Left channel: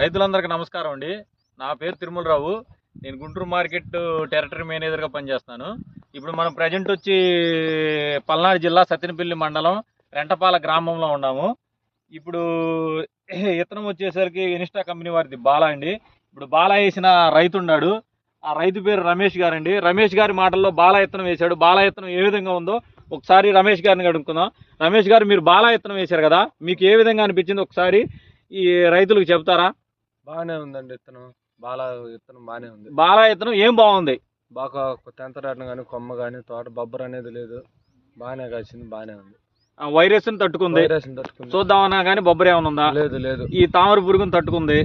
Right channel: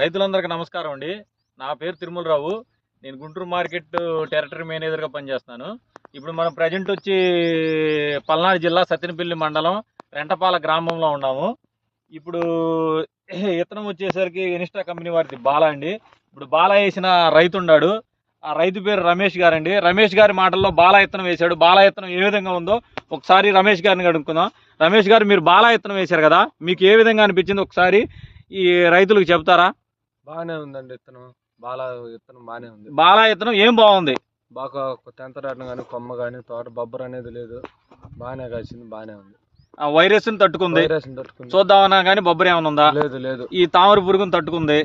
రైతులందరికీ నమస్కారం అండి. నా పేరు తిరుమలరావు. నేను గుంటూరు మార్కెట్ టెరిటరీ మేనేజర్గా పనిచేస్తాను. ఇప్పుడు మనం ప్రజెంట్ వచ్చి పల్నాడు జిల్లా సత్తెనపల్లి మండలం రెంటపాల గ్రామంలో ఉన్నాము. ఇప్పుడు ఇత్తనం వచ్చేసరికి ఇన్స్టా కంపెనీ వారిది బాలా అండి. ఇప్పుడు బాలా వేసిన రైతు ఉన్నాడు. ఆ రైతు పేరు రమేష్ గారండి. రమేష్ గారి మాటల్లో బాలా ఇత్తనం వేశాడు. బాలా ఇత్తనం ఏ విధంగా ఉందో ఒకసారి రమేష్ గారిని అడుగుకుందాం. రమేష్ గారు, మీరు బాలా ఇత్తనం వేశారు కదా, మీకు ఏ విధంగా అనిపించింది ఒకసారి ఈ రైతులకు చెప్తారా? బాగానే ఉందండి ఇత్తనం. బాలా ఇత్తనం బాగానే ఉంది. బాలా ఇత్తనం ఏం బాగుంది? బాగా తెంతరాటం కానీ కొమ్మ కానీ తోట బొబ్బర్ అనేది లేదు. బాగానే కాసింది, బాగానే ఉంది. వైరస్ తట్టుకుంది. చూద్దామన్నా కానీ బొబ్బర్ ఏమైనా ఉందా? లేదు లేదు. ఈ తామర పురుగును తట్టుకుంది.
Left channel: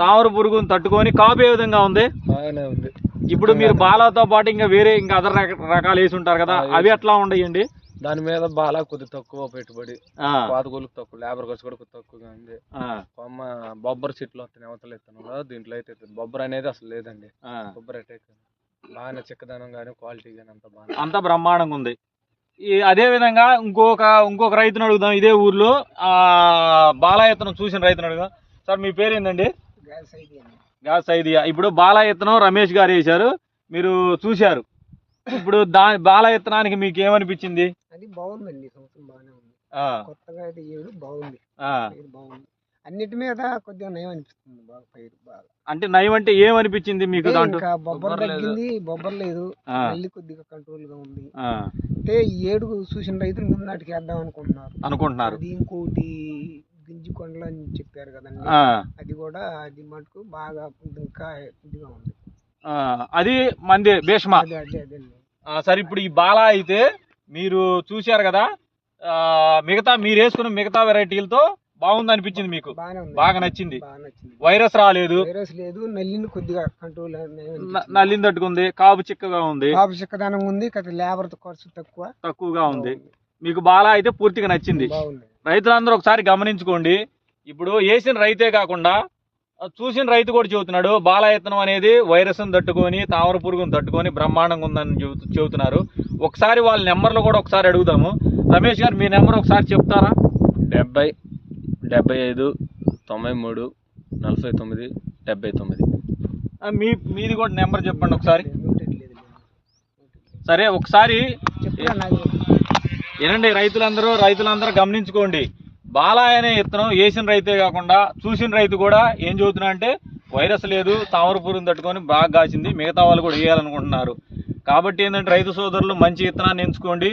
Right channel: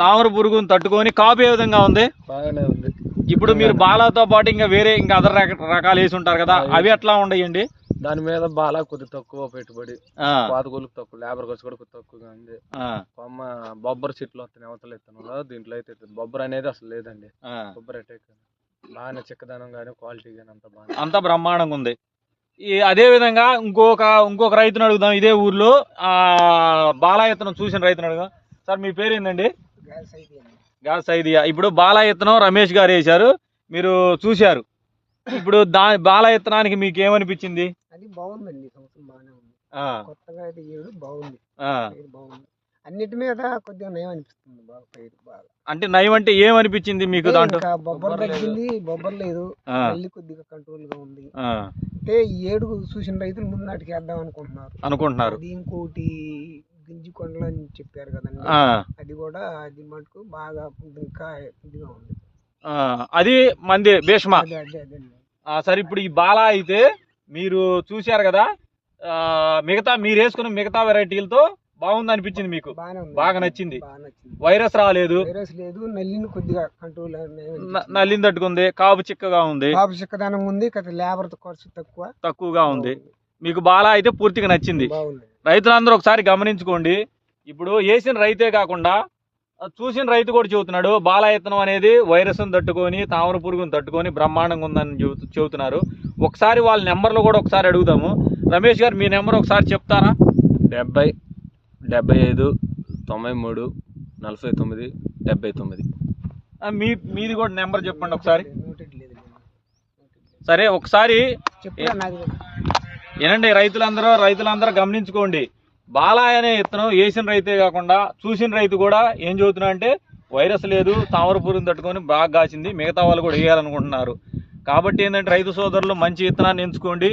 తామర పురుగును తట్టుకొని కాపు ఏ విధంగా ఉంది? బాగానే ఉంది. ఇప్పుడు మీరు బాలాతో పాటు ఇంకా వేరే ఇంకా అదర్ రకాలు వేసి ఉంటారు కదా, అవి ఎట్లా ఉండయండి? దాని మీద బాలా కొద్ది తక్కువ పెట్టుబడి, పాతగోళ్ళకి తక్కువ, లేబర్ ఖర్చు కూడా కొద్ది తక్కువగా ఉంది. కొమ్మ బొబ్బర్ చెట్లు వస్తాయి అవతల ఇత్తనంలో, దీంట్లో అయితే బొబ్బర్ అనేది అసలు లేదండి. బొబ్బర్ అటాక్ బాగానే చిక్కదనం కానీ క్వాలిటీ కానీ అంతా బ్రహ్మాండంగా ఉంది. అదే విధంగా ఇంకొక రైతును అడుగుదాం. ఇదే ఊర్లో బాలా ఇత్తనం చూసిన రైతును అడుగుదాం. సార్, మీ పేరు ఏందండి? Gas idea. ఇప్పుడు బాలా ఇత్తనం రమేష్ గారు వేశారు, మీరు చూశారు. ఇప్పుడు బాలా ఇత్తనానికి మీకు ఏమనిపించింది? అది బాగుందండి, సంవత్సరం బాగానే ఉంది. కొత్తగా అయితే ఏడు బాగుంది, బాగుంది. అన్నిటి మీద కొద్దిగా నయం అనిపిస్తుంది. బాగా పైరు బాగా అంటే నయం అంటే ఏమనిపించింది మీకు? ఇంకా బొబ్బర్ తగ్గింది, బొబ్బర్ లేదు, మళ్ళీ కొద్దిగా కంట్రోల్ గా ఉంది. అంటే ఈ ఏడు చూసిన రైతులు ముందు నాటికి వేద్దాం అనుకుంటున్నారు. అది ఇంకోటి గింజి కొండలు అని చెప్పారు కదండి, అది కూడా అది మటుకు బాగా ఇంకా ఇదిగా ఉంది. అది మంది భీష్మ. సరే, ఇప్పుడు ఈ బాలా అయితే మీరు చూశారు కదా, మీరు వేసుకున్న మిగతా వెరైటీలతో బాగుంది అనిపించింది మీకు? బాగా నచ్చింది. వైరస్ రాలేదు, నల్లిని కొద్దిగా కంట్రోల్, నల్లిని తట్టుకుంది, కాపు చిక్కగా ఉంది, కాపు చిక్కదనం ఉంది, లేబర్ ఖర్చు తక్కువగా ఉంది. మీకు బాలా అయితే పూర్తిగా నచ్చింది. రైతులందరూ ఒకసారి గమనించుకోండి. ఇప్పుడు వేసిన రైతే కాకుండా చూసిన రైతు కూడా చెబుతున్నాడు, బాలా ఇత్తనం అనేది వైరస్ తట్టుకొని, తామర పురుగును తట్టుకొని బ్రహ్మాండంగా ఉందని చెబుతున్నారు. ఒకసారి వాళ్ళ నెంబర్లు కూడా ఒకసారి అడుగుదాము. రమేష్ గారు, మీ నెంబర్ ఒకసారి చెప్తారా? 70 75 93 49 79. మీది కూడా నెంబర్ చెప్పండి ఒకసారి. సరే, ఒకసారి ఏనండి, రైతులందరూ గమనించుకోండి. బాలా అనే ఇత్తనం వేసిన రైతే కాకుండా చూసిన రైతు కూడా ఏం చెబుతున్నా అంటే వైరస్ లేదు, తామర పురుగును తట్టుకొని బాగా కాసింది, మిగతా వాళ్ళు కూడా వేయాలనుకుంటున్నారు. కాబట్టి ఏంటంటే రైతు సోదరులు మంచి విత్తనాన్ని ఎంచుకోండి,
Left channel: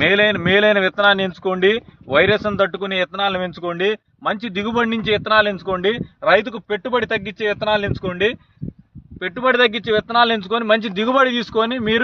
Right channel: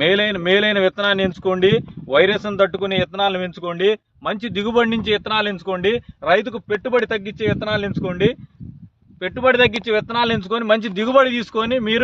మేలైన విత్తనాన్ని ఎంచుకోండి, వైరస్ తట్టుకునే విత్తనాలను ఎంచుకోండి, మంచి దిగుబడి నుంచి విత్తనాలు ఎంచుకోండి, రైతుకు పెట్టుబడి తగ్గించే విత్తనాలు ఎంచుకోండి. పెట్టుబడి తగ్గించే విత్తనాలు ఎంచుకొని మంచి దిగుబడి తీసుకొని మీరు